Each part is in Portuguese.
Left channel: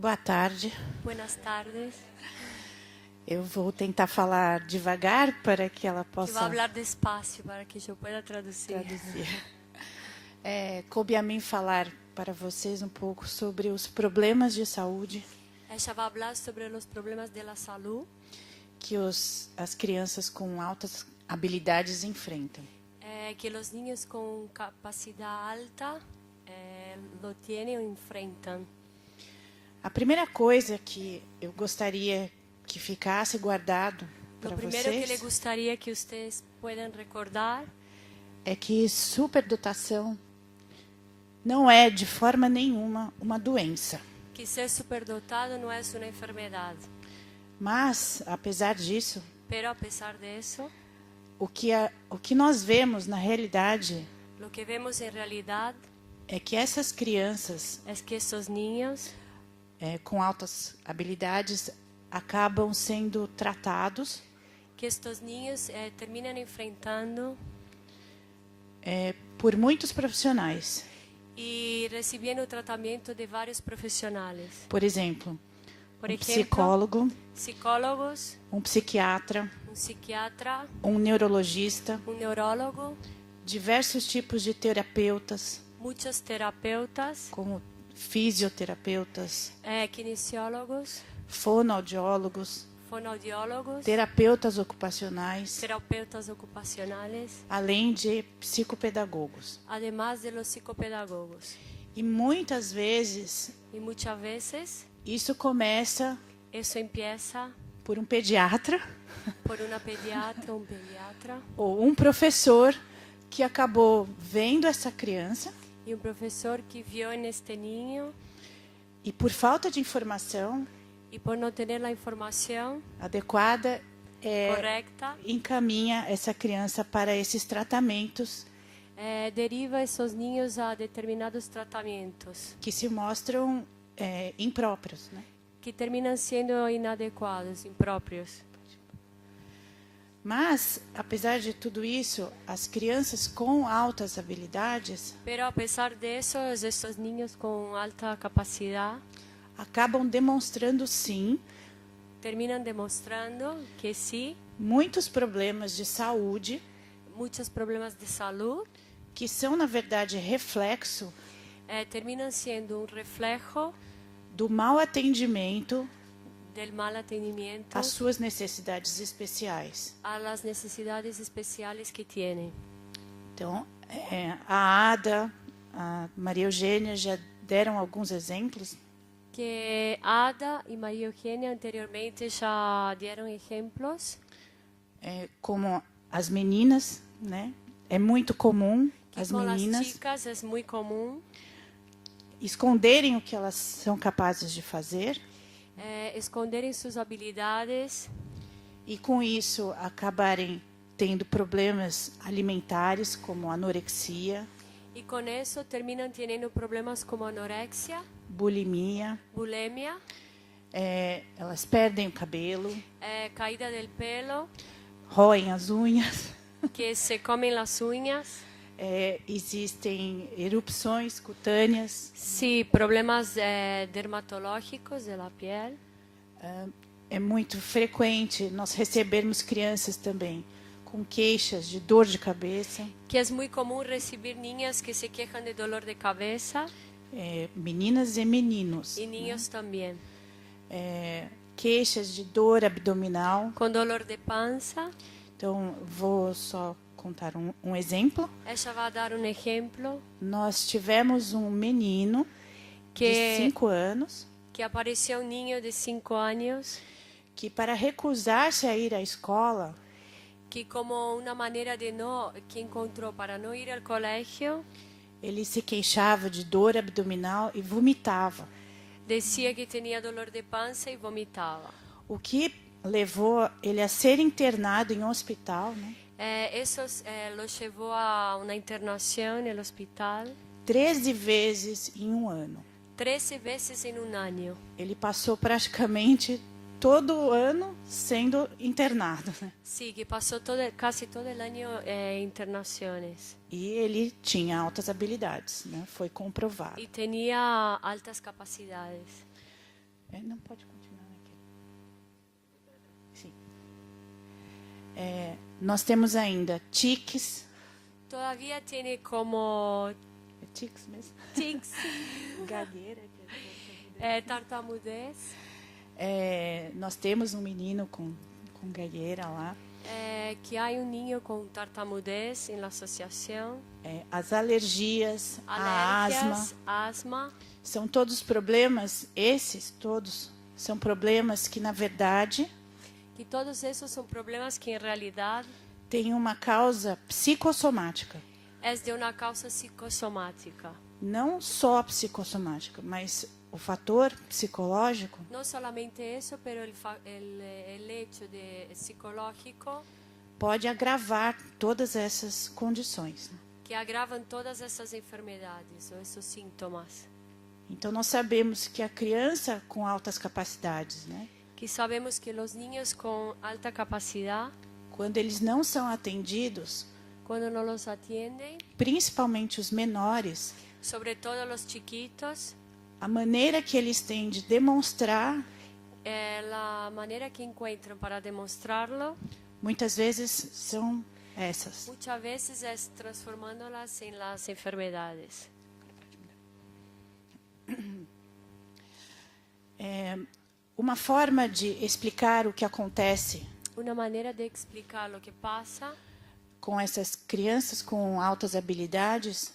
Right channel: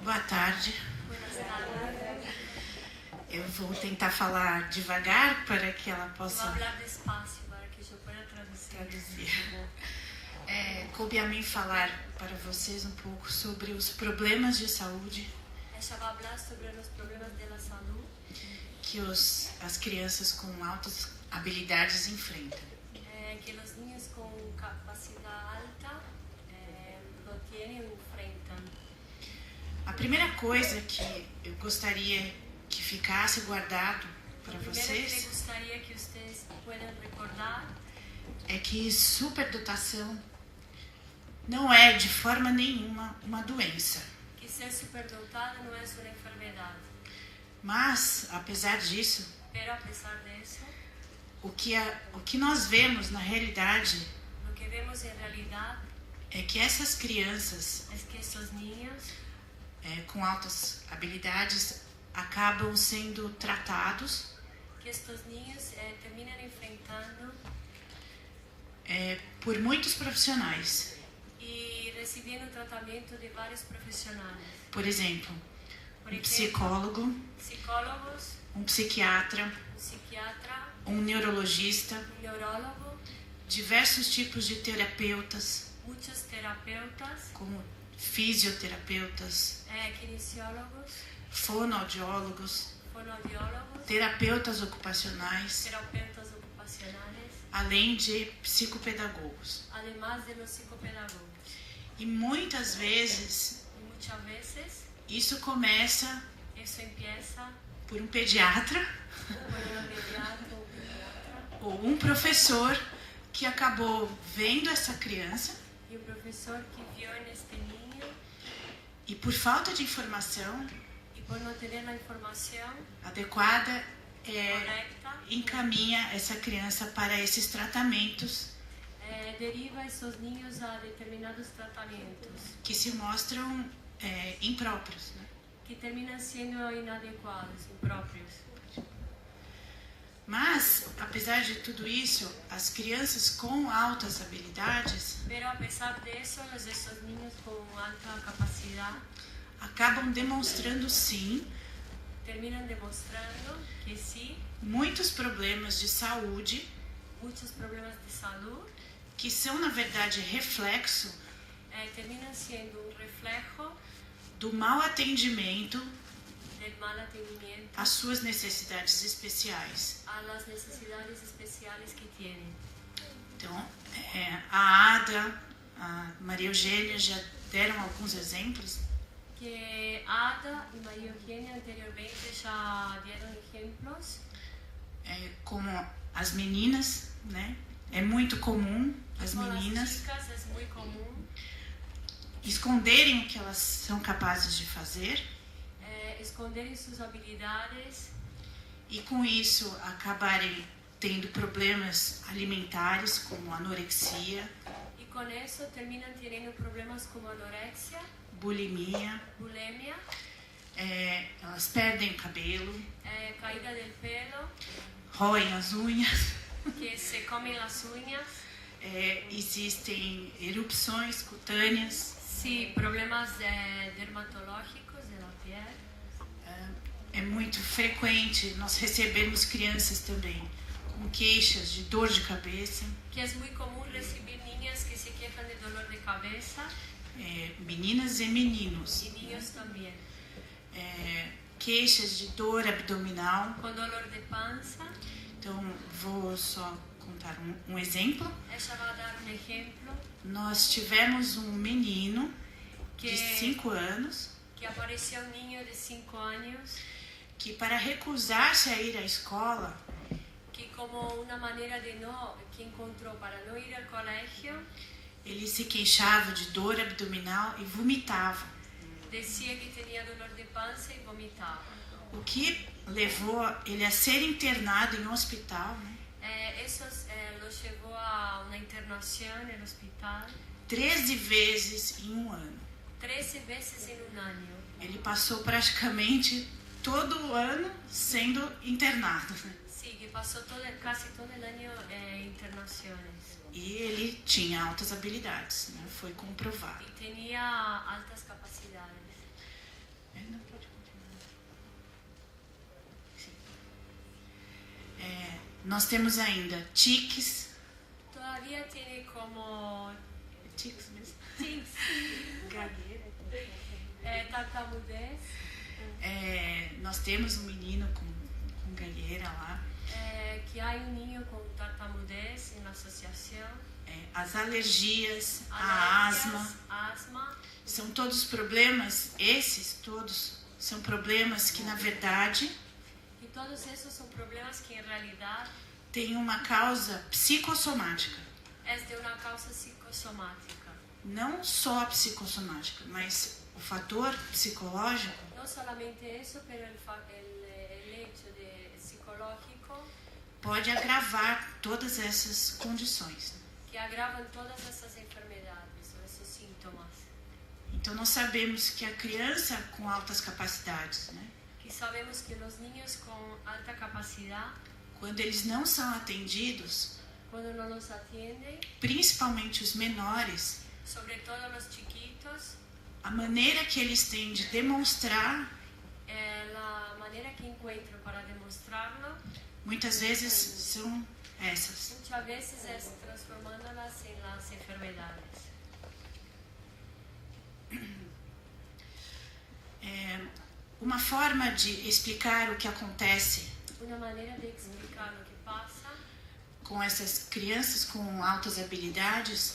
Boa tarde. Buenas tardes. Eu vou tentar falar devagar para que ela Eu possa vou falar despacio para que eu possa traduzir. Coube a mim falar para vocês um pouco sobre os problemas de saúde Ella vai falar sobre os problemas da saúde que as crianças com altas habilidades enfrentam. que os niños com capacidade alta lo tienen ou enfrentam. A primeira coisa que eu gostaria que ficasse guardado para Lo primeiro que le vocês gostaria que vocês possam recordar é que superdotação não é de forma nenhuma uma doença. que ser superdotado não é uma enfermidade. Mas, apesar disso, Pero a pesar disso, o que nós vemos na realidade lo que vemos em realidade é que essas crianças é que esses niños com altas habilidades acabam sendo tratados que estes niños terminam enfrentando por muitos profissionais. e recebendo tratamento de vários profissionais. Por exemplo, Por um exemplo, psicólogo, psicólogos, um psiquiatra, psiquiatra, um neurologista, neurólogo, diversos tipos de terapeutas, muitos terapeutas, como fisioterapeutas, kinesiólogos, fonoaudiólogos, fonoaudiólogos, terapeutas ocupacionais, terapeutas ocupacionais, além de psicopedagogos. además de los psicopedagogos. E muitas vezes E muitas vezes isso começa isso empieza por um pediatra por uma pediatra ou pediatra ou um professor que acabou vendo essa criança e um professor que viu neste niño e por falta de informação e por não ter a informação adequada correta encaminha essa criança para esses tratamentos deriva esses niños a determinados tratamentos que se mostram impróprios, né? que terminam sendo inadequados, impróprios. Mas, apesar de tudo isso, as crianças com altas habilidades Pero a pesar disso, esses niños com alta capacidade acabam demonstrando, sim, terminam demonstrando que sim, muitos problemas de saúde muitos problemas de saúde que são, na verdade, reflexo terminam sendo um reflexo do mau atendimento del mal atendimento às suas necessidades especiais. a las necesidades especiais que têm. Então, a Ada, a Maria Eugênia já deram alguns exemplos Que Ada e Maria Eugênia anteriormente já deram exemplos. como as meninas, né? É muito comum as Com meninas as chicas é muito comum esconderem o que elas são capazes de fazer esconderem suas habilidades e com isso acabarem tendo problemas alimentares como anorexia, e com isso terminam tendo problemas como anorexia, bulimia, bulimia, elas perdem o cabelo, caída del pelo, roem as unhas, que se comem as unhas, existem erupções cutâneas, sim, problemas dermatológicos da pele. É muito frequente nós recebermos crianças também com queixas de dor de cabeça, Que é muito comum receber niñas que se queixam de dolor de cabeça meninas e meninos, e niños também queixas de dor abdominal. com dolor de pança. Então, vou só contar um exemplo. Ella vai dar um exemplo Nós tivemos um menino de 5 anos que apareceu um niño de 5 anos que, para recusar-se a ir à escola, que como uma maneira de não que encontrou para não ir ao colégio, ele se queixava de dor abdominal e vomitava, dizia que tinha dolor de pança e vomitava. o que levou ele a ser internado em um hospital, né? Isso lo levou a uma internação no hospital 13 vezes em um ano. 13 vezes em um ano. Ele passou praticamente todo o ano sendo internado, né? Sim, que passou quase todo o ano em internações. E ele tinha altas habilidades, né? Foi comprovado. E tinha altas capacidades. Não, pode continuar. Sim. Nós temos ainda tiques. Todavía tiene como Tiques mesmo? tics, Gagueira. tartamudez. Nós temos um menino com gagueira lá. Que há niño con tartamudez en la asociación. As alergias, Alergias, a asma. asma. São todos problemas, esses todos são problemas que, na verdade, Y todos esos son problemas que en realidad têm uma causa psicossomática. es de una causa psicosomática. Não só a psicossomática, mas o fator psicológico No solamente eso, pero el hecho de psicológico pode agravar todas essas condições. que agravan todas esas enfermedades o esos síntomas. Então, nós sabemos que a criança com altas capacidades, né, Que sabemos que los niños con alta capacidad, quando eles não são atendidos, cuando no los atienden, principalmente os menores, sobre todo los chiquitos, a maneira que eles têm de demonstrar, la manera que encuentran para demostrarlo muitas vezes são essas. muchas veces es transformándolas en las enfermedades. Uma forma de explicar o que acontece Una manera de explicar lo que pasa com essas crianças com altas habilidades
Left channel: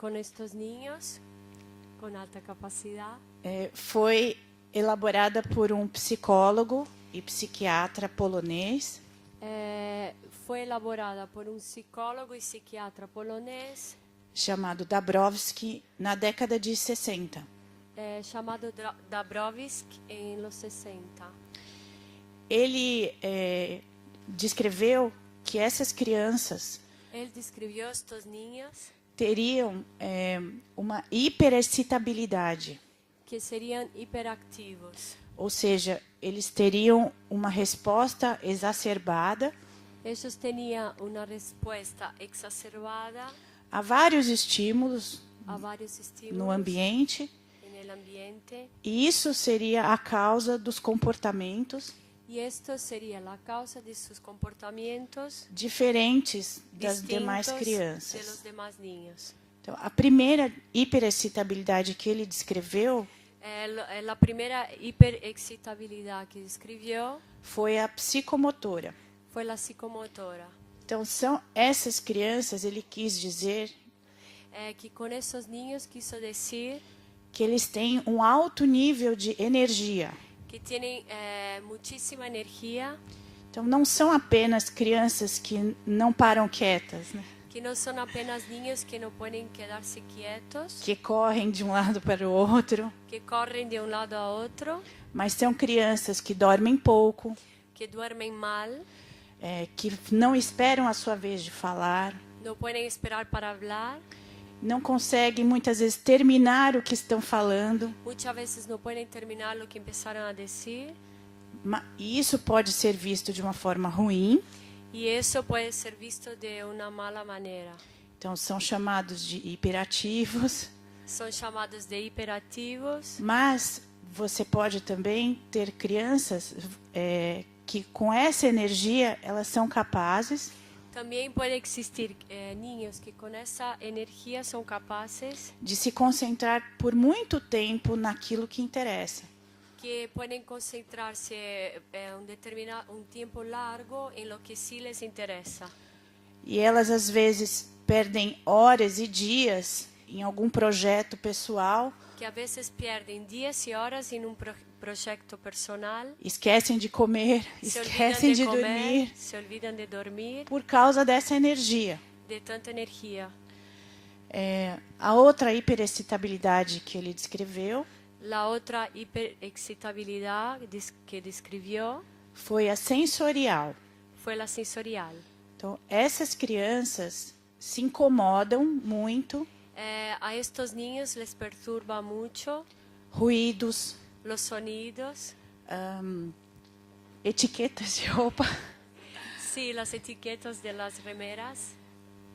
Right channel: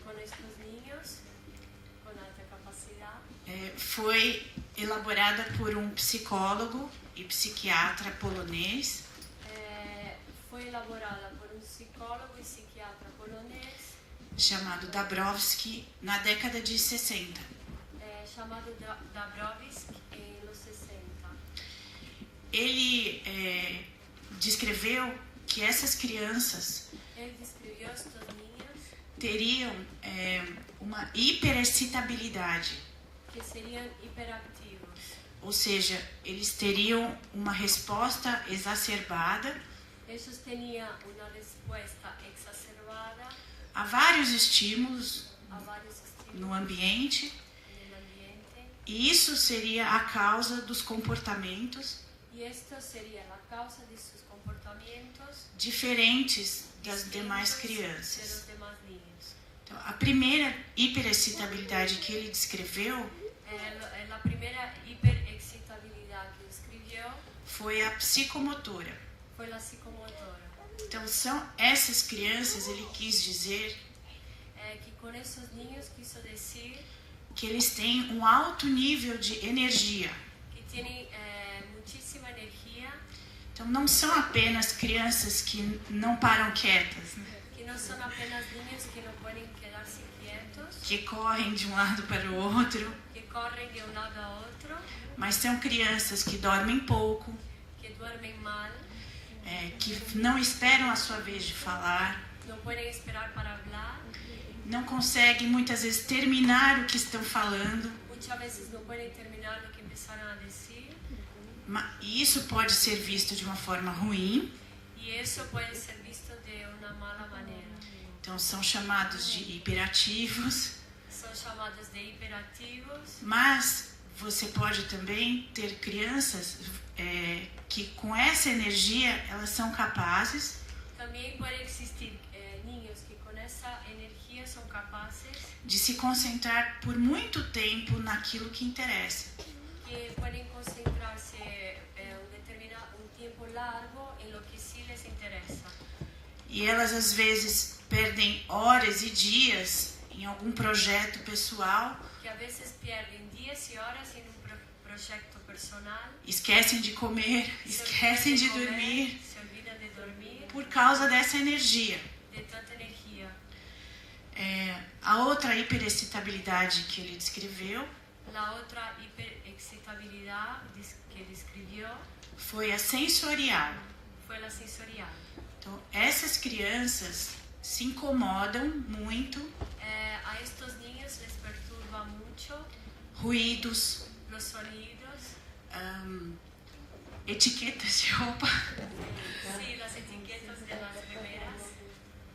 con estos niños con alta capacidad foi elaborada por um psicólogo e psiquiatra polonês fue elaborada por un psicólogo y psiquiatra polonés chamado Dabrowski na década de 60. llamado Dabrowski en los 60. Ele descreveu que essas crianças Él describió estos niños teriam uma hiperexcitabilidade, que serían hiperactivos. ou seja, eles teriam uma resposta exacerbada Ellos tenían una respuesta exacerbada a vários estímulos a varios estímulos no ambiente, en el ambiente, e isso seria a causa dos comportamentos y esto sería la causa de sus comportamientos diferentes das distintos demais de los crianças. demás niños. Então, a primeira hiperexcitabilidade que ele descreveu La primera hiperexcitabilidad que describió foi a psicomotora. fue la psicomotora. Então, são essas crianças, ele quis dizer Que con esos niños quiso decir que eles têm um alto nível de energia. que tienen muchísima energía, Então, não são apenas crianças que não param quietas, né? que no son apenas niños que no pueden quedarse quietos, Que correm de um lado para o outro, que corren de un lado a otro, mas são crianças que dormem pouco, que duermen mal, que não esperam a sua vez de falar, no pueden esperar para hablar, não conseguem muitas vezes terminar o que estão falando. muchas veces no pueden terminar lo que empezaron a decir, E isso pode ser visto de uma forma ruim. y eso puede ser visto de una mala manera. Então, são chamados de hiperativos. Son llamados de hiperactivos, Mas você pode também ter crianças que com essa energia elas são capazes también puede existir niños que con esa energía son capaces, de se concentrar por muito tempo naquilo que interessa. que pueden concentrarse un tiempo largo en lo que sí les interesa. E elas às vezes perdem horas e dias em algum projeto pessoal, Que a veces pierden días y horas en un proyecto personal, esquecem de comer, se esquecem de olvidan de dormir comer, se olvidan de dormir, por causa dessa energia. de tanta energía. A outra hiperexcitabilidade que ele descreveu La otra hiperexcitabilidad que describió foi a sensorial. fue la sensorial. Então, essas crianças se incomodam muito, A estos niños les perturba mucho ruídos, los sonidos, etiquetas de roupa. sí, las etiquetas de las remeras.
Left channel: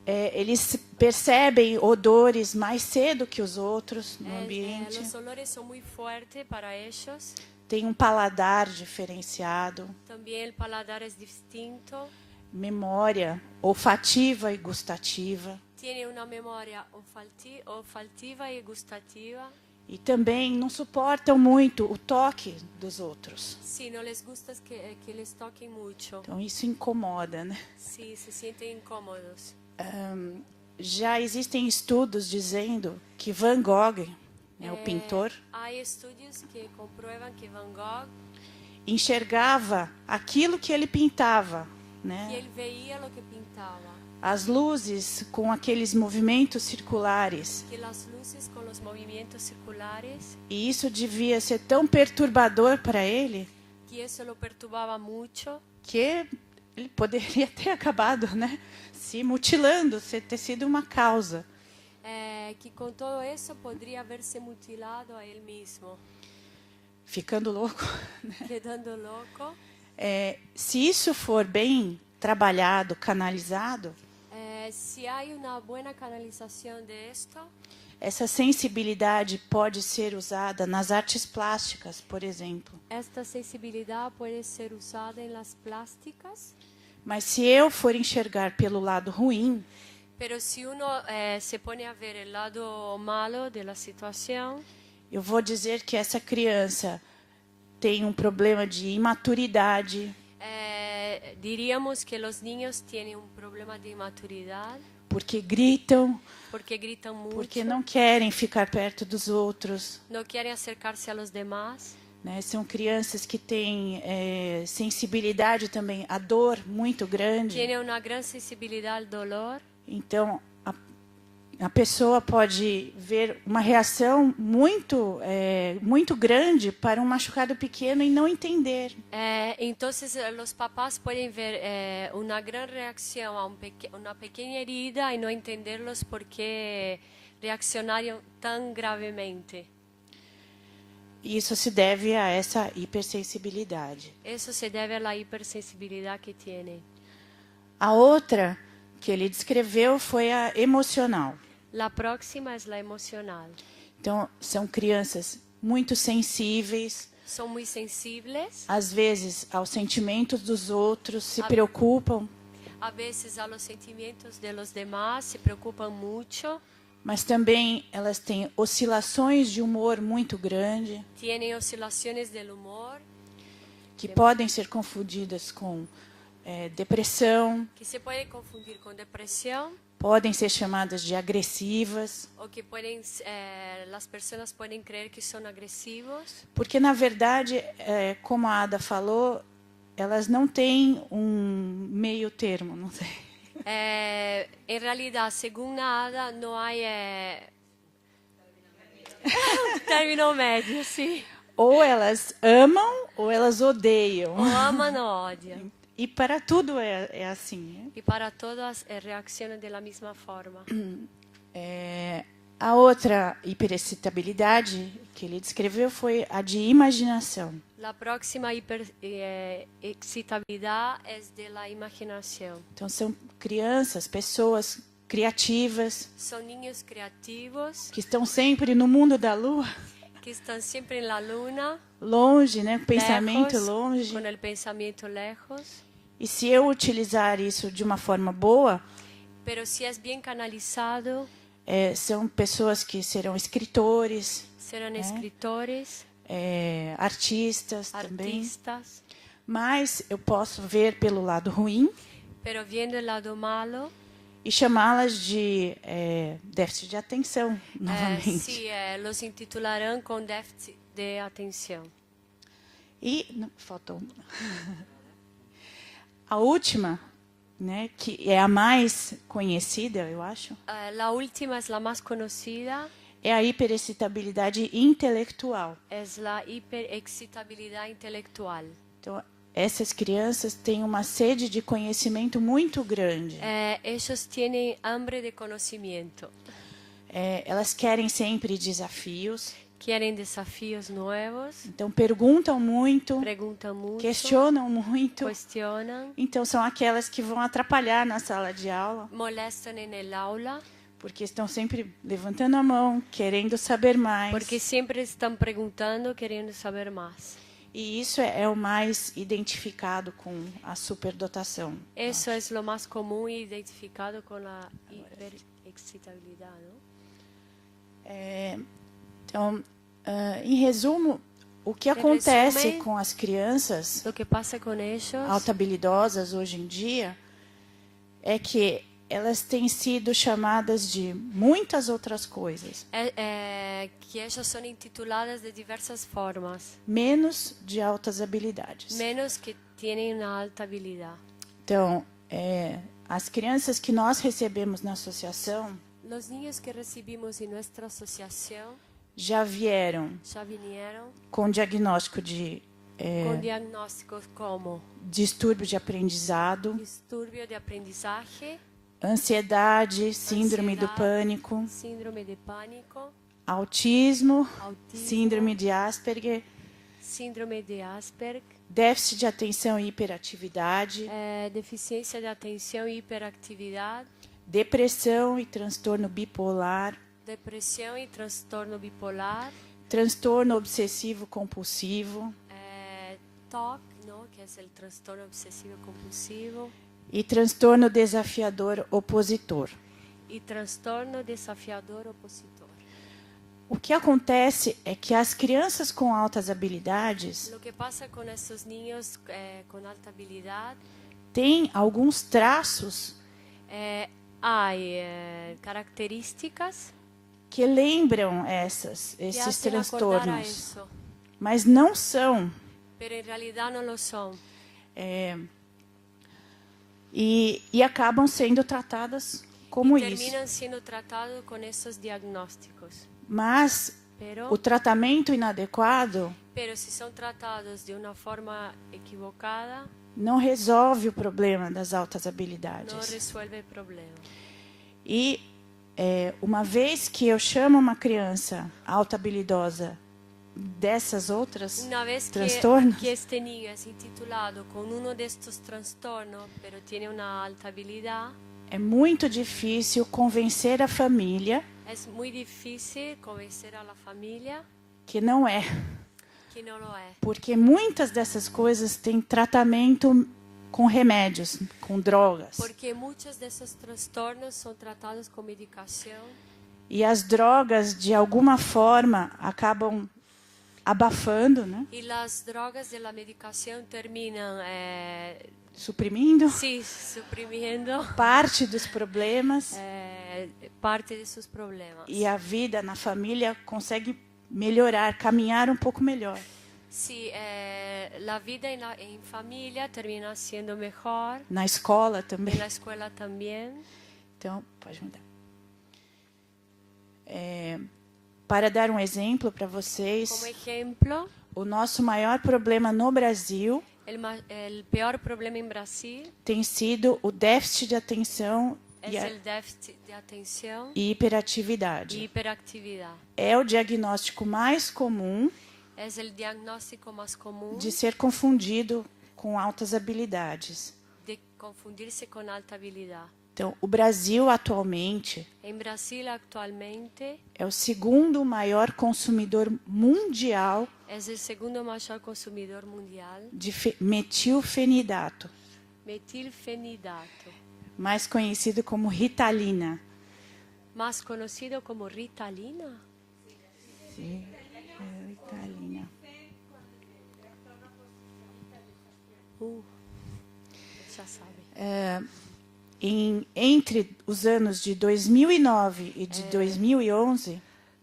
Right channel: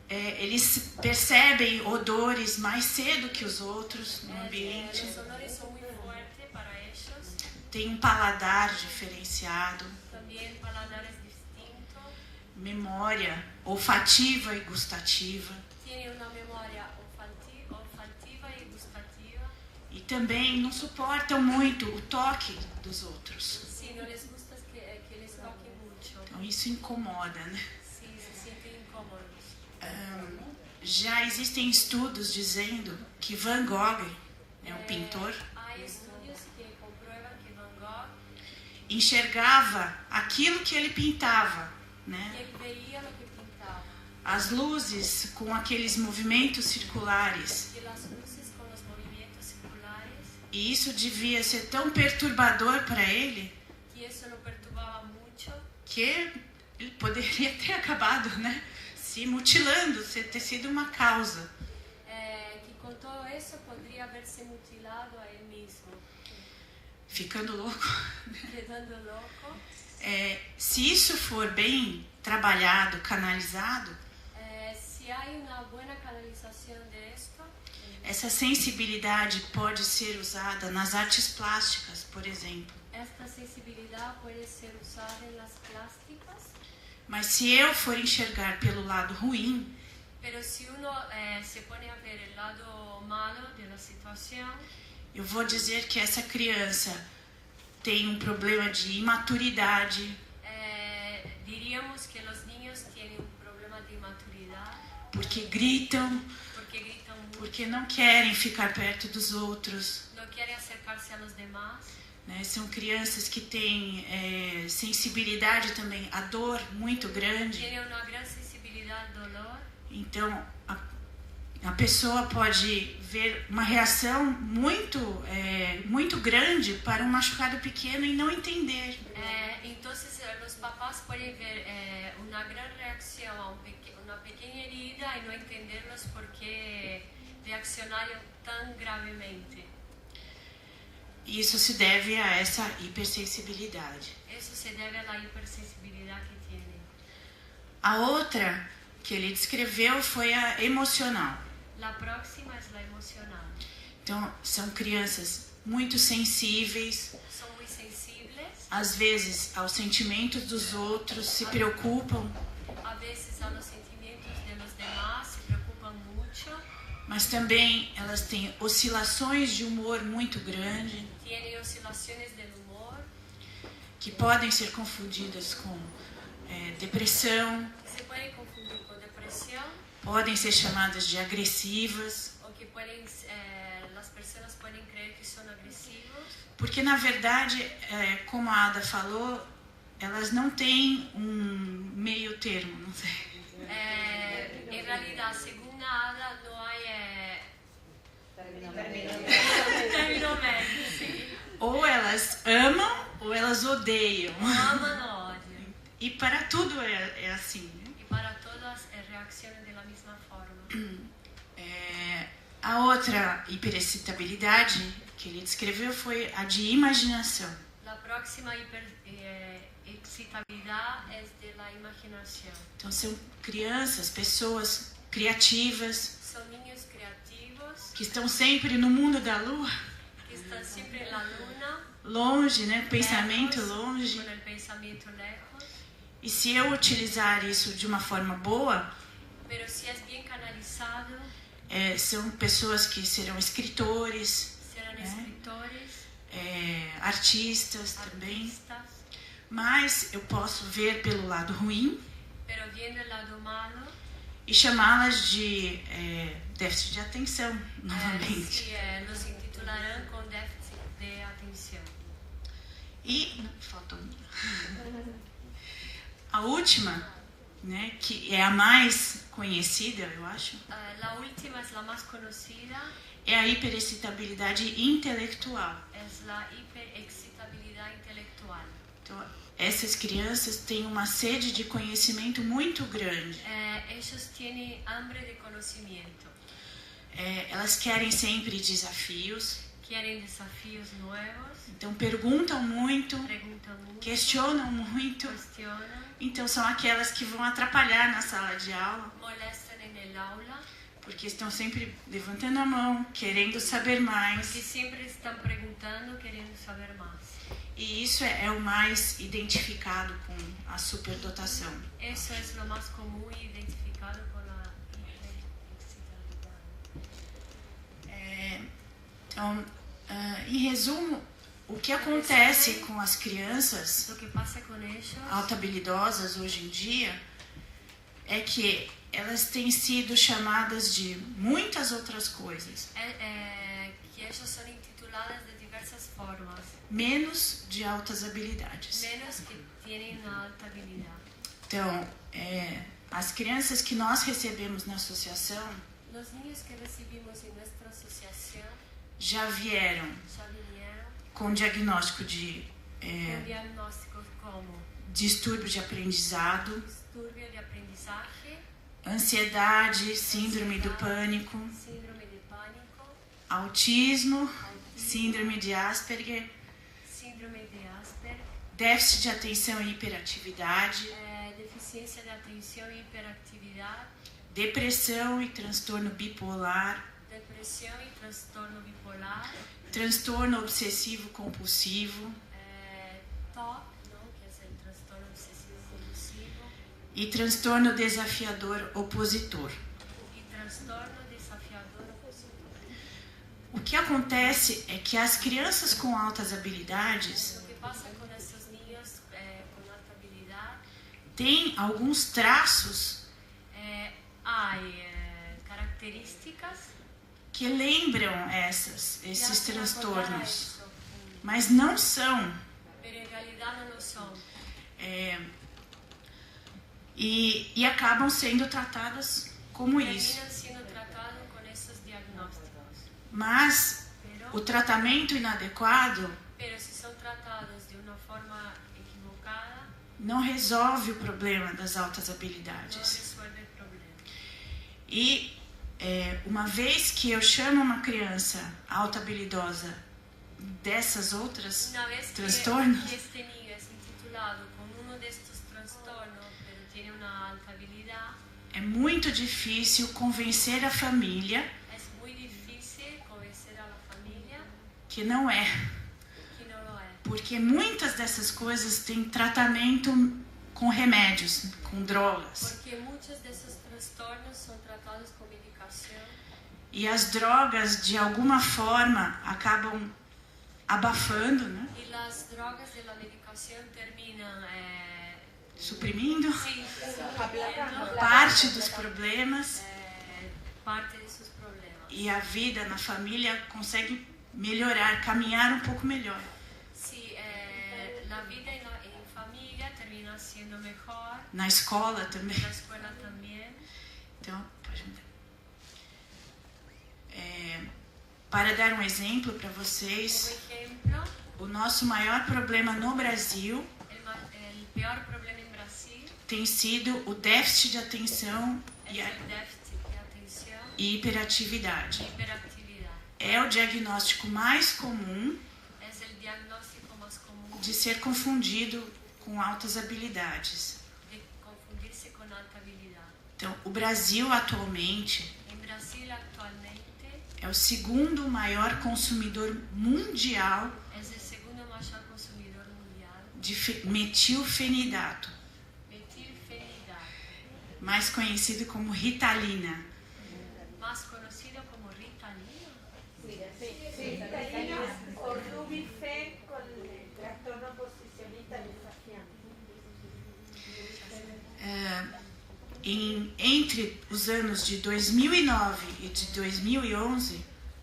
Eles percebem odores mais cedo que os outros no ambiente. Los olores son muy fuertes fuerte para ellos. tem um paladar diferenciado, También el paladar es distinto. memória olfativa e gustativa, Tiene una memoria olfativa y gustativa. e também não suportam muito o toque dos outros. Sí, no les gusta que les toquen mucho. Então isso incomoda, né? Sí, se sienten incómodos. Já existem estudos dizendo que Van Gogh, né, o pintor, Hay estudios que comprueban que Van Gogh, enxergava aquilo que ele pintava, y né? él veía lo que pintaba. As luzes com aqueles movimentos circulares. Que las luces con los movimientos circulares, E isso devia ser tão perturbador para ele y eso lo perturbaba mucho, que ele poderia ter acabado, né? Se mutilando, ter sido uma causa. que con todo eso podría haberse mutilado a él mismo, Ficando louco. quedando loco. Se isso for bem trabalhado, canalizado, Si hay una buena canalización de esto, essa sensibilidade pode ser usada nas artes plásticas, por exemplo. esta sensibilidad puede ser usada en las plásticas, Mas se eu for enxergar pelo lado ruim, pero si uno se pone a ver el lado malo de la situación, eu vou dizer que essa criança tem um problema de imaturidade, diríamos que los niños tienen un problema de inmaturidad, porque gritam, porque gritan mucho, porque não querem ficar perto dos outros. no quieren acercarse a los demás. Né? São crianças que têm sensibilidade também à dor muito grande. Tiene una gran sensibilidad al dolor. Então, a pessoa pode ver uma reação muito grande para um machucado pequeno e não entender. Entonces los papás pueden ver una gran reacción a una pequeña herida y no entenderlos por qué reaccionaron tan gravemente. Isso se deve a essa hipersensibilidade. Eso se debe a la hipersensibilidad que tienen. A outra que ele descreveu foi a emocional. La próxima es la emocional. Então, são crianças muito sensíveis, Son muy sensibles, às vezes aos sentimentos dos outros, se preocupam, a veces a los sentimientos de los demás, se preocupan mucho, mas também elas têm oscilações de humor muito grande, tienen oscilaciones del humor, que podem ser confundidas com depressão, que se pueden confundir con depresión, podem ser chamadas de agressivas, o que las personas pueden creer que son agresivos, porque na verdade, como a Ada falou, elas não têm um meio termo, não sei. en realidad, según Ada, no hay término medio, sí. Ou elas amam ou elas odeiam. O aman o odian. E para tudo é assim, né? Y para todas reaccionan de la misma forma. A outra hiperexcitabilidade que ele descreveu foi a de imaginação. La próxima excitabilidad es de la imaginación. Então são crianças, pessoas criativas, Son niños creativos que estão sempre no mundo da lua, que están siempre en la luna, longe, né? Pensamento lejos, longe. con el pensamiento lejos. E se eu utilizar isso de uma forma boa, Pero si es bien canalizado, são pessoas que serão escritores, serán escritores, artistas também. artistas. Mas eu posso ver pelo lado ruim Pero viendo el lado malo, e chamá-las de déficit de atenção, novamente. sí, los intitularán con déficit de atención. E não, faltou uma. A última, né, que é a mais conhecida, eu acho, La última es la más conocida, é a hiperexcitabilidade intelectual. es la hiperexcitabilidad intelectual. Então, essas crianças têm uma sede de conhecimento muito grande. Ellos tienen hambre de conocimiento, Elas querem sempre desafios, quieren desafíos nuevos, então perguntam muito, preguntan mucho, questionam muito. cuestionan, Então são aquelas que vão atrapalhar na sala de aula, molestan en el aula, Porque estão sempre levantando a mão, querendo saber mais. Porque siempre están preguntando, queriendo saber más. E isso é o mais identificado com a superdotação. Eso es lo más común y identificado con la hiperexcitabilidad, ¿no? Então, em resumo, o que acontece com as crianças Lo que pasa con ellos altabilidosas hoje em dia é que elas têm sido chamadas de muitas outras coisas, que ellos son intituladas de diversas formas, menos de altas habilidades. menos que tienen una alta habilidad. Então, as crianças que nós recebemos na associação Los niños que recibimos en nuestra asociación já vieram ya vinieron com diagnóstico de con diagnósticos como distúrbio de aprendizado, disturbio de aprendizaje, ansiedade, síndrome do pânico, síndrome de pánico, autismo, autismo, síndrome de Asperger, síndrome de Asperger, déficit de atenção e hiperatividade, deficiencia de atención y hiperactividad, depressão e transtorno bipolar, depresión y trastorno bipolar, transtorno obsessivo compulsivo TOC, ¿no? Que es el trastorno obsesivo compulsivo, e transtorno desafiador opositor. y trastorno desafiador opositor. O que acontece é que as crianças com altas habilidades Lo que pasa con estos niños con alta habilidad, têm alguns traços hay características que lembram que esses hacen acordar a transtornos, eso, mas não são. pero en realidad no lo son. E acabam sendo tratadas como isso. Terminan siendo tratados con esos diagnósticos. Mas o tratamento inadequado Pero si son tratados de una forma equivocada, não resolve o problema das altas no habilidades. resuelve el problema. E uma vez que eu chamo uma criança alta habilidosa dessas outras Una vez transtornos, que este niño es intitulado con uno de estos trastornos, pero tiene una alta habilidad, é muito difícil convencer a família es muy difícil convencer a la familia que não é. que no lo es. Porque muitas dessas coisas têm tratamento com remédios, com drogas. Porque muchos de esos trastornos son tratados con medicación E as drogas, de alguma forma, acabam abafando, né? y las drogas de la medicación terminan Suprimindo suprimiendo parte dos problemas parte de sus problemas. e a vida na família consegue melhorar, caminhar um pouco melhor. Sí, la vida en familia termina siendo mejor, Na escola também. en la escuela también. Então, pode andar. Para dar um exemplo para Como vocês, ejemplo, o nosso maior problema no Brasil el peor problema en Brasil tem sido o déficit de atenção es el déficit de atención e hiperatividade. y hiperactividad. É o diagnóstico mais comum Es el diagnóstico más común de ser confundido com altas habilidades. de confundirse con alta habilidad. Então, o Brasil atualmente En Brasil actualmente é o segundo maior consumidor mundial es el segundo mayor consumidor mundial de metilfenidato, metilfenidato, mais conhecido como Ritalina. más conocido como Ritalina. O Nubifen con el trastorno posicionista desafiante. Ya sabe. Entre os anos de 2009 e de 2011,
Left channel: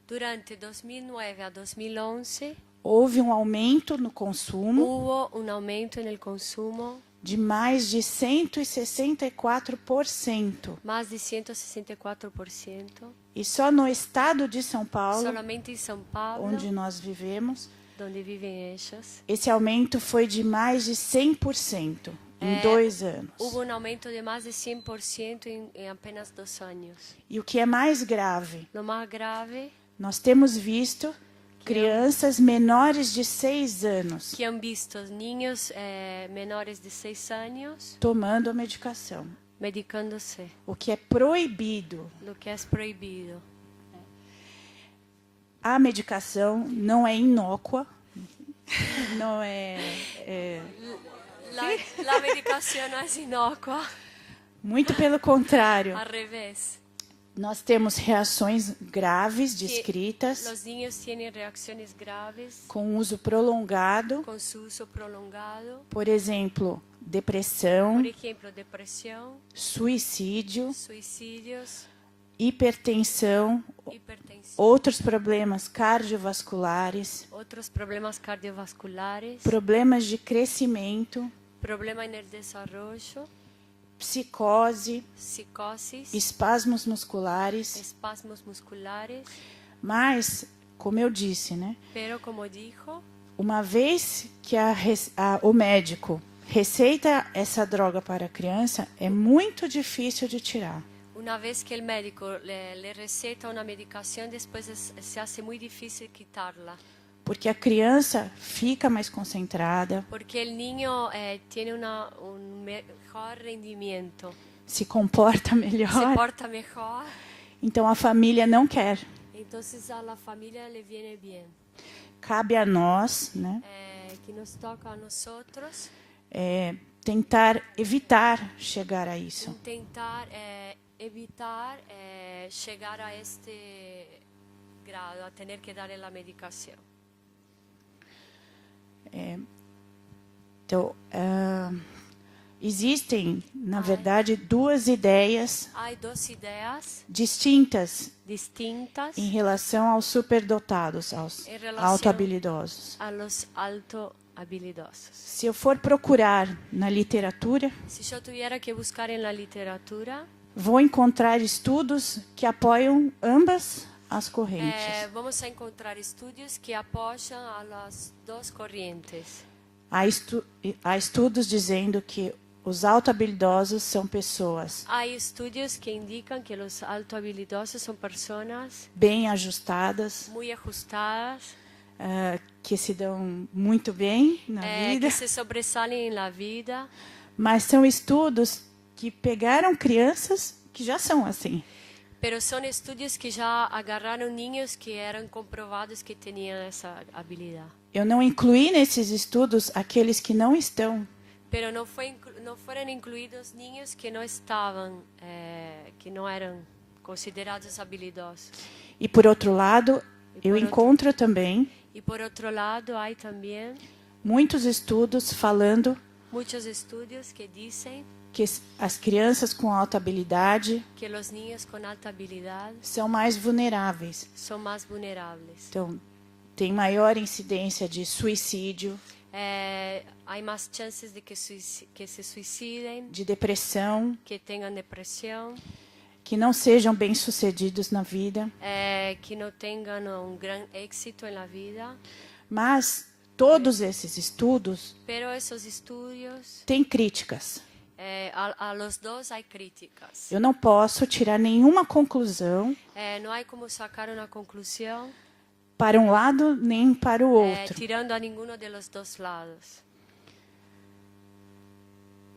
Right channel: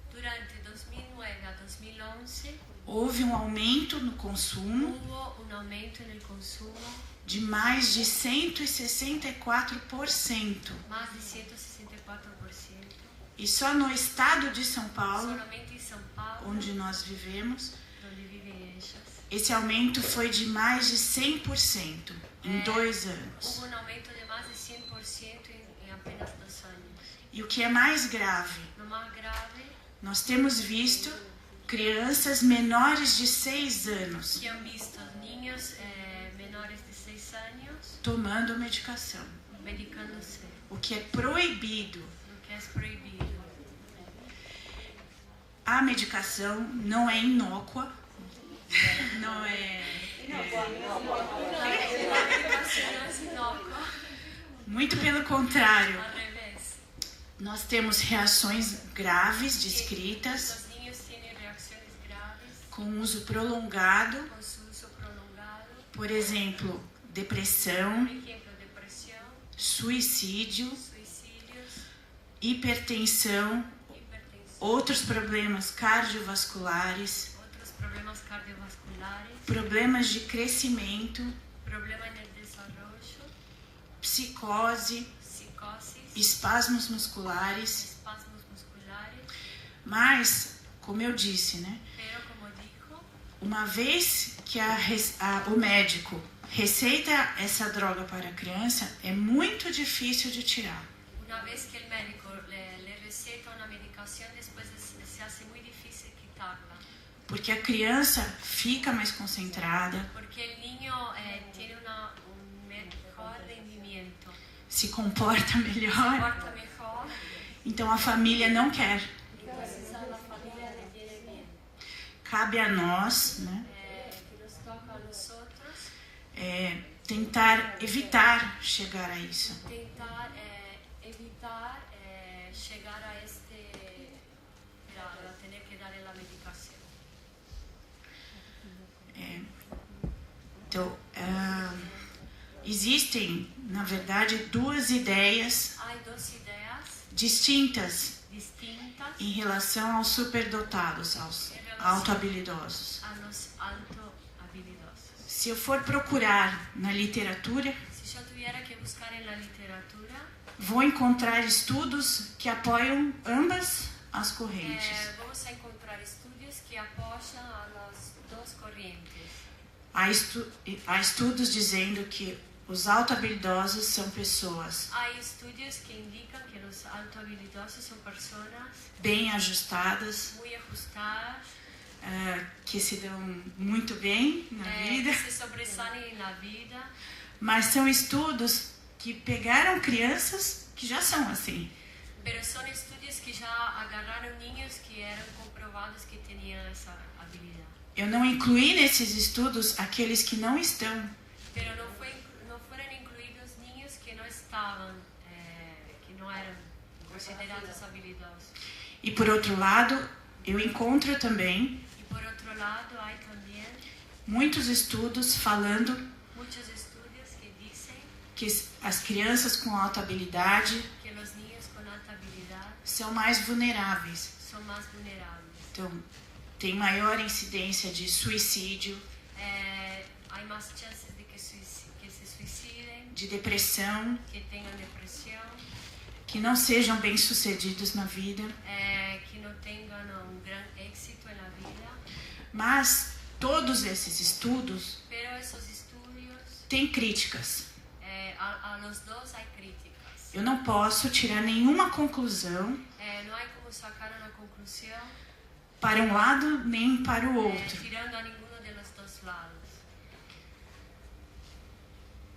Durante 2009 a 2011 houve um aumento no consumo hubo un aumento en el consumo de mais de 164%. más de 164%. E só no estado de São Paulo, Solamente en São Paulo, onde nós vivemos, donde viven ellas, esse aumento foi de mais de 100% em 2 anos. hubo un aumento de más de 100% en apenas 2 años. E o que é mais grave, Lo más grave, nós temos visto crianças menores de 6 anos que han visto niños menores de 6 años tomando a medicação. medicándose, o que é proibido. lo que es prohibido. A medicação não é inócua, não é, La medicación es inocua, muito pelo contrário. al revés. Nós temos reações graves descritas Los niños tienen reacciones graves com uso prolongado, con su uso prolongado, por exemplo, depressão, por ejemplo, depresión, suicídio, suicidios, hipertensão, hipertensión, outros problemas cardiovasculares, otros problemas cardiovasculares, problemas de crescimento, problema en el desarrollo, psicose, psicosis, espasmos musculares. espasmos musculares. Mas, como eu disse, né? Pero como dijo, Uma vez que o médico receita essa droga para a criança, é muito difícil de tirar. una vez que el médico le receta una medicación, después se hace muy difícil quitarla. Porque a criança fica mais concentrada, Porque el niño tiene un mejor rendimiento, se comporta se melhor. porta mejor, Então a família não quer. entonces a la familia le viene bien. Cabe a nós, né, Que nos toca a nosotros tentar evitar chegar a isso. intentar evitar llegar a este grado, a tener que darle la medicación. Então, existem, na verdade, duas ideias Hay dos ideas distintas distintas em relação aos superdotados, aos Em relação- autohabilidosos. a los alto habilidosos. Se eu for procurar na literatura, Si yo tuviera que buscar en la literatura, vou encontrar estudos que apoiam ambas as correntes. vamos a encontrar estudios que apoyan a las dos corrientes. Há estudos dizendo que os autohabilidosos são pessoas Hay estudios que indican que los alto habilidosos son personas bem ajustadas, muy ajustadas, que se dão muito bem na vida, que se sobresalen en la vida, mas são estudos que pegaram crianças que já são assim. pero son estudios que ya agarraron niños que eran comprobados que tenían esa habilidad. Eu não incluí nesses estudos aqueles que não estão, Pero no fueron incluidos niños que no estaban, que no eran considerados habilidosos. e por outro lado, eu encontro também Y por otro lado hay también muitos estudos falando muchos estudios que dicen que as crianças com alta habilidade que los niños con alta habilidad são mais vulneráveis. son más vulnerables. Então, tem maior incidência de suicídio, Hay más chances de que se suiciden, de depressão, que tengan depresión, que não sejam bem-sucedidos na vida. que no tengan un gran éxito en la vida. Mas todos esses estudos Pero esos estudios, têm críticas. a los dos hay críticas. Eu não posso tirar nenhuma conclusão No hay como sacar una conclusión para um lado nem para o outro. tirando a ninguno de los dos lados.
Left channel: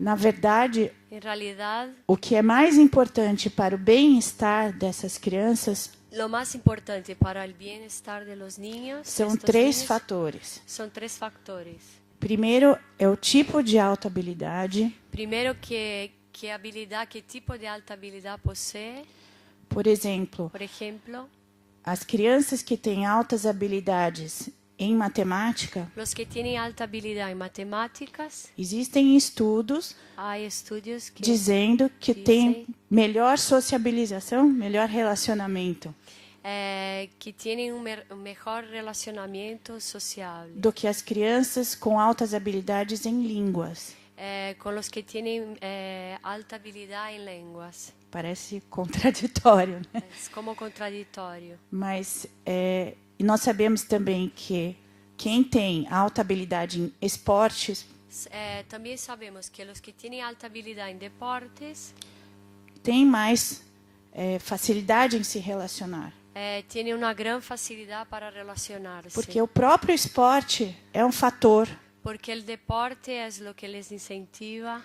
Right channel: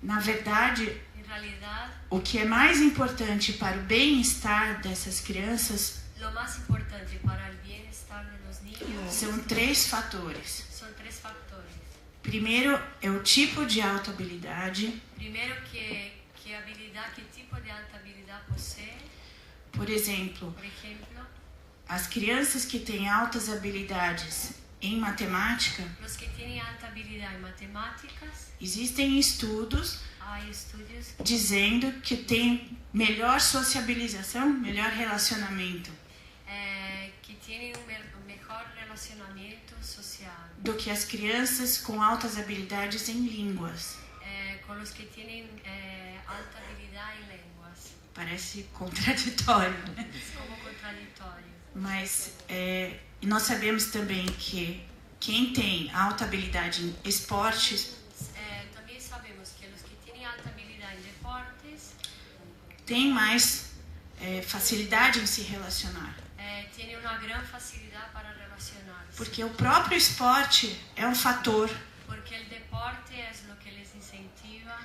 Na verdade, En realidad, o que é mais importante para o bem-estar dessas crianças lo más importante para el bienestar de los niños são estos três niños, fatores. son tres factores. Primeiro é o tipo de alta habilidade. Primero, qué habilidad, qué tipo de alta habilidad posee. Por exemplo, Por ejemplo, as crianças que têm altas habilidades em matemática, los que tienen alta habilidad en matemáticas, existem estudos hay estudios que dizendo que têm melhor sociabilização, melhor relacionamento que tienen un mejor relacionamiento social do que as crianças com altas habilidades em línguas. con los que tienen alta habilidad en lenguas. Parece contraditório, né? Es como contradictorio. Mas nós sabemos também que quem tem alta habilidade em esportes También sabemos que los que tienen alta habilidad en deportes tem mais facilidade em se relacionar. tienen una gran facilidad para relacionarse. Porque o próprio esporte é um fator Porque el deporte es lo que les incentiva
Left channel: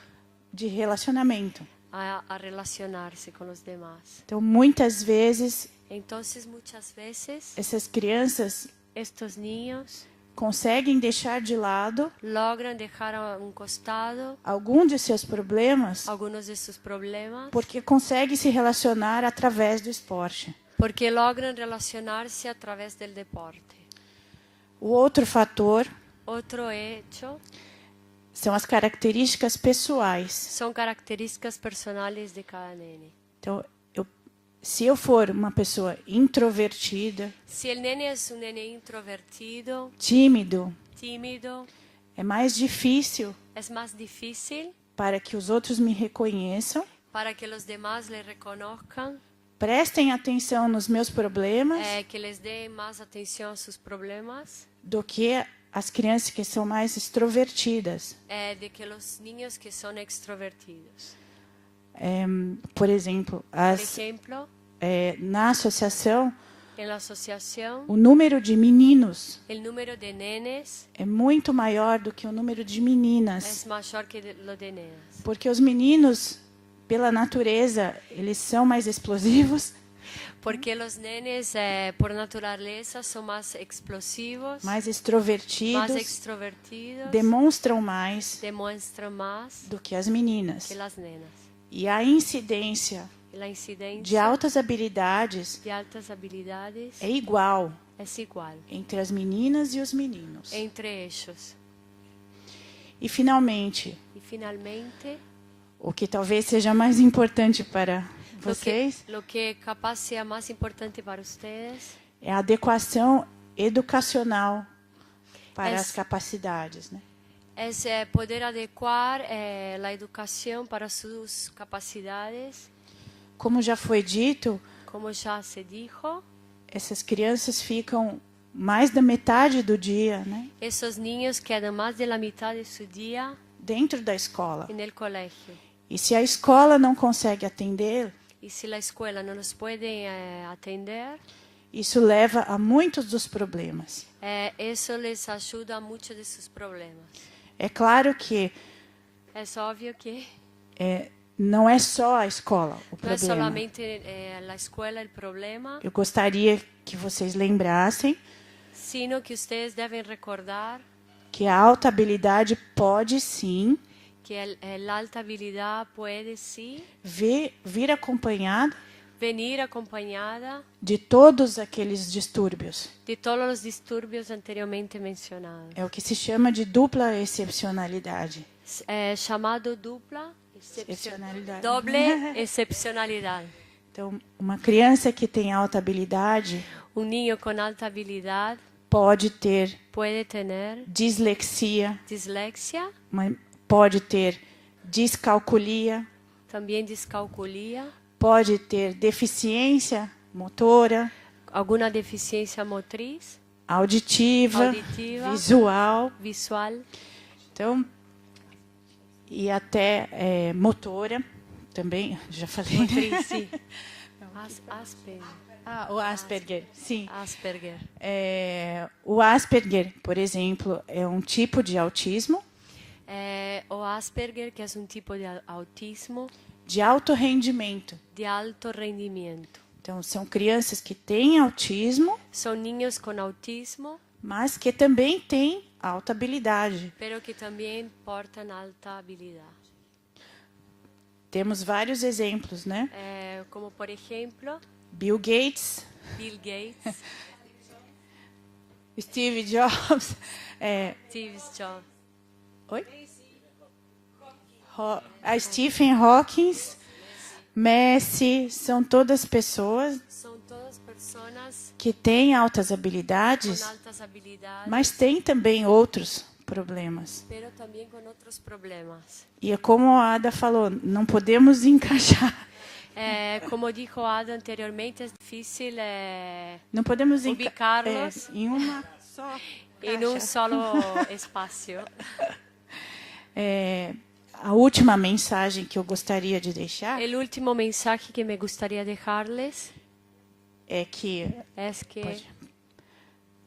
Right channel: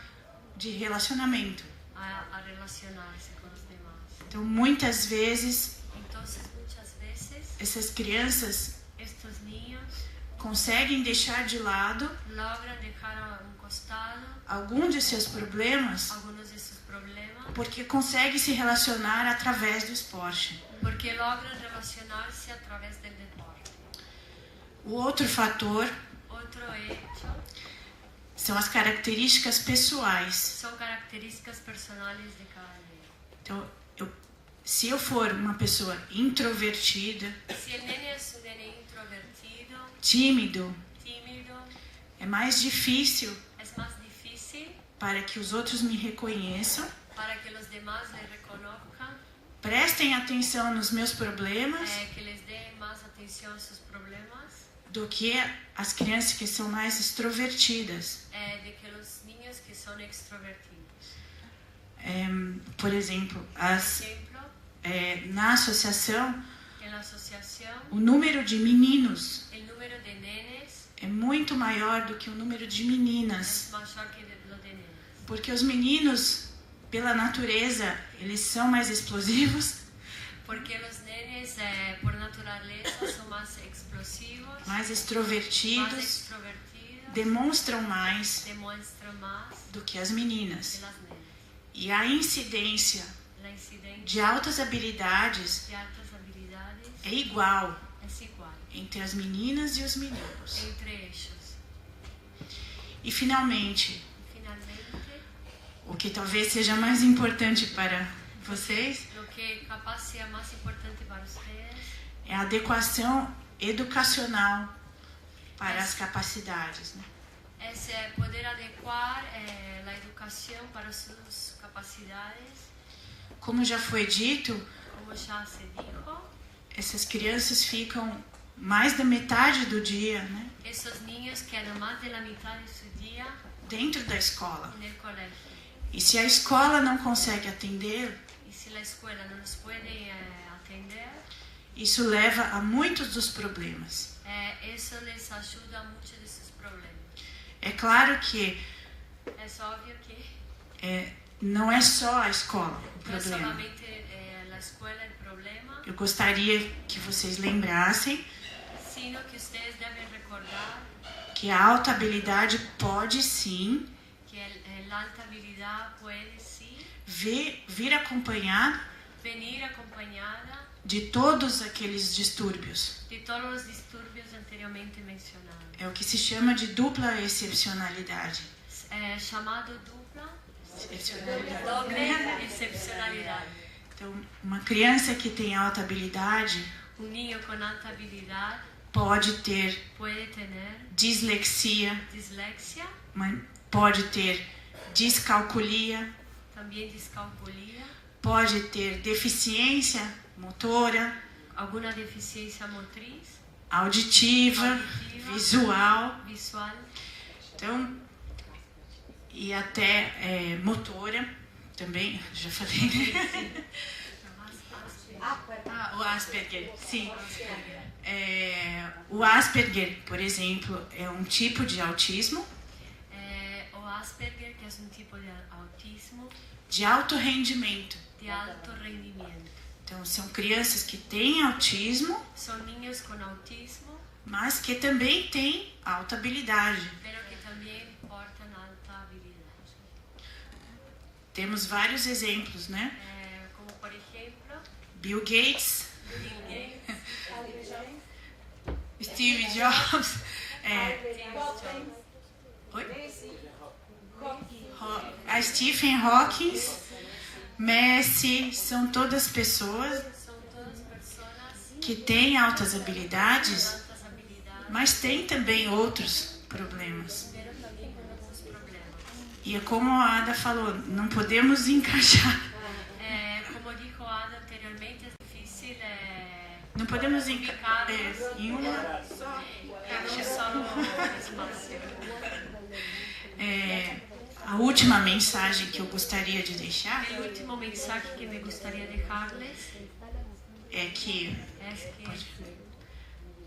de relacionamento. a relacionarse con los demás. Então, muitas vezes, Entonces, muchas veces, essas crianças estos niños conseguem deixar de lado logran dejar a un costado algum de seus problemas algunos de sus problemas porque conseguem se relacionar através do esporte. porque logran relacionarse a través del deporte. O outro fator Otro hecho são as características pessoais. son características personales de cada nene. Então, se eu for uma pessoa introvertida, Si el nene es un nene introvertido, tímido, tímido, é mais difícil es más difícil para que os outros me reconheçam, para que los demás le reconozcan, prestem atenção nos meus problemas, que les den más atención a sus problemas, do que as crianças que são mais extrovertidas. de que los niños que son extrovertidos. Por exemplo, Por ejemplo, na associação, en la asociación, o número de meninos el número de nenes é muito maior do que o número de meninas. es mayor que lo de nenas. Porque os meninos, pela natureza, eles são mais explosivos, Porque los nenes, por naturaleza, son más explosivos, mais más extrovertidos, extrovertidos, demonstram mais demuestran más do que as meninas. que las nenas. E a incidência La incidencia de altas habilidades de altas habilidades é igual es igual entre as meninas e os meninos. entre ellos. E finalmente, Y finalmente, o que talvez seja mais importante para vocês lo que capaz sea más importante para ustedes é a adequação educacional para Es- as capacidades, né? es poder adecuar la educación para sus capacidades. Como já foi dito, Como ya se dijo, essas crianças ficam mais da metade do dia, né, esos niños quedan más de la mitad de su día dentro da escola. en el colegio. E se a escola não consegue atender, Y si la escuela no los puede atender, isso leva a muitos dos problemas. eso les ayuda a muchos de sus problemas. É claro que Es obvio que não é só a escola o no es problema. solamente la escuela el problema, Eu gostaria que vocês lembrassem sino que ustedes deben recordar que a alta habilidade pode sim que la alta habilidad puede sí vir acompanhado venir acompañada de todos aqueles distúrbios. de todos los disturbios anteriormente mencionados. É o que se chama de dupla excepcionalidade. Llamado dupla, Excepcionalidade. doble excepcionalidad. Então, uma criança que tem alta habilidade Un niño con alta habilidad pode ter puede tener dislexia, dislexia, pode ter descalculia, también discalculia, pode ter deficiência motora, alguna deficiencia motriz, auditiva, auditiva, visual, visual, então, e até motora também, já falei. sí. Asperger. O Asperger, sim. Asperger. O Asperger, por exemplo, é um tipo de autismo O Asperger, que es un tipo de autismo de alto rendimento. de alto rendimiento. Então, são crianças que têm autismo, Son niños con autismo, mas que também têm alta habilidade. pero que también portan alta habilidad. Temos vários exemplos, né? Como por ejemplo, Bill Gates, Bill Gates, Steve Jobs, Steve Jobs, oi? A Stephen Hawking, Messi, são todas pessoas son todas personas que têm altas con habilidades, altas habilidades, mas têm também outros problemas. pero también con otros problemas. E é como a Ada falou, não podemos encaixar, Como dijo Ada anteriormente, es difícil não podemos ubicarlos em uma só. en un solo espacio. A última mensagem que eu gostaria de deixar El último mensaje que me gustaría dejarles é que es que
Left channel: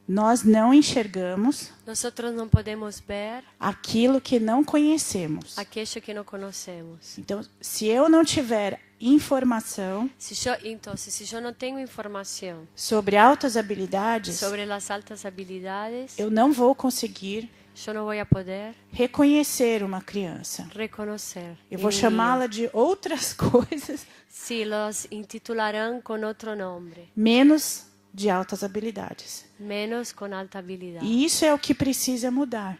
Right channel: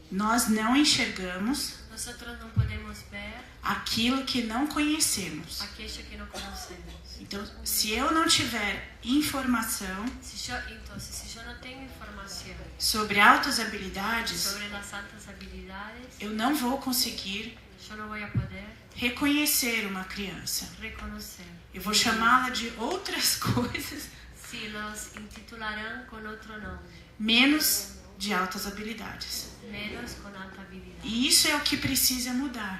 Nós não enxergamos nosotros não podemos ver aquilo que não conhecemos. aquello que não conhecemos. Então, se eu não tiver informação Então, se eu não tenho informação sobre altas habilidades, sobre as altas habilidades, eu não vou conseguir eu não vou poder reconhecer uma criança. reconhecer. Eu vou chamá-la de outras coisas, Sí, los intitularán con otro nombre, menos de altas habilidades. menos con alta habilidad. E isso é o que precisa mudar.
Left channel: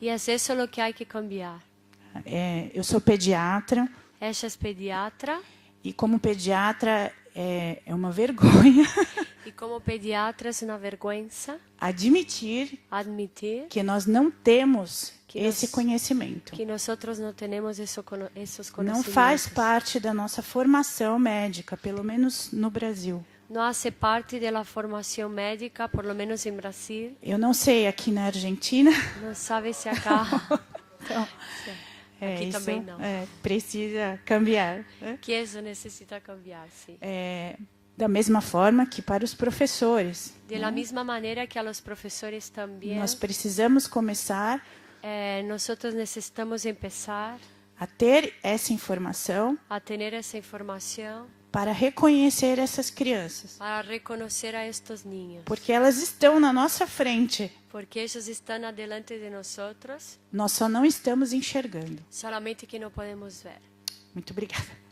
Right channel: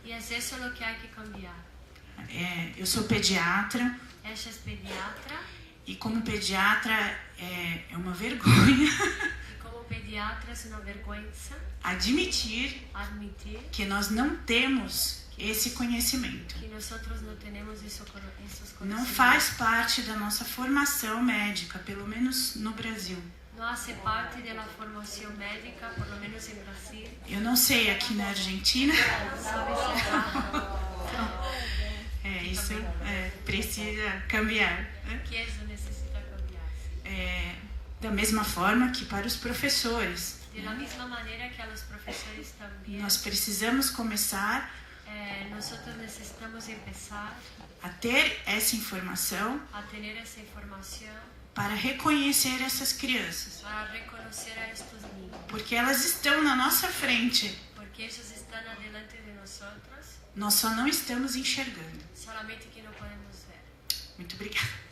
Y es eso lo que hay que cambiar. Eu sou pediatra Ella es pediatra e como pediatra é uma vergonha y como pediatra es una vergüenza admitir admitir que nós não temos esse conhecimento. que nosotros no tenemos esos Não conocimientos. faz parte da nossa formação médica, pelo menos no Brasil. No hace parte de la formación médica, por lo menos en Brasil. Eu não sei aqui na Argentina. No sabe si acá Aqui Isso também não. precisa cambiar. que eso necesita cambiar, sí. Da mesma forma que para os professores. De la misma manera que a los profesores también, Nós precisamos começar nosotros necesitamos empezar a ter essa informação a tener esa información para reconhecer essas crianças. para reconocer a estos niños, Porque elas estão na nossa frente. porque ellos están adelante de nosotros, Nós só não estamos enxergando. solamente que no podemos ver. Muito obrigada.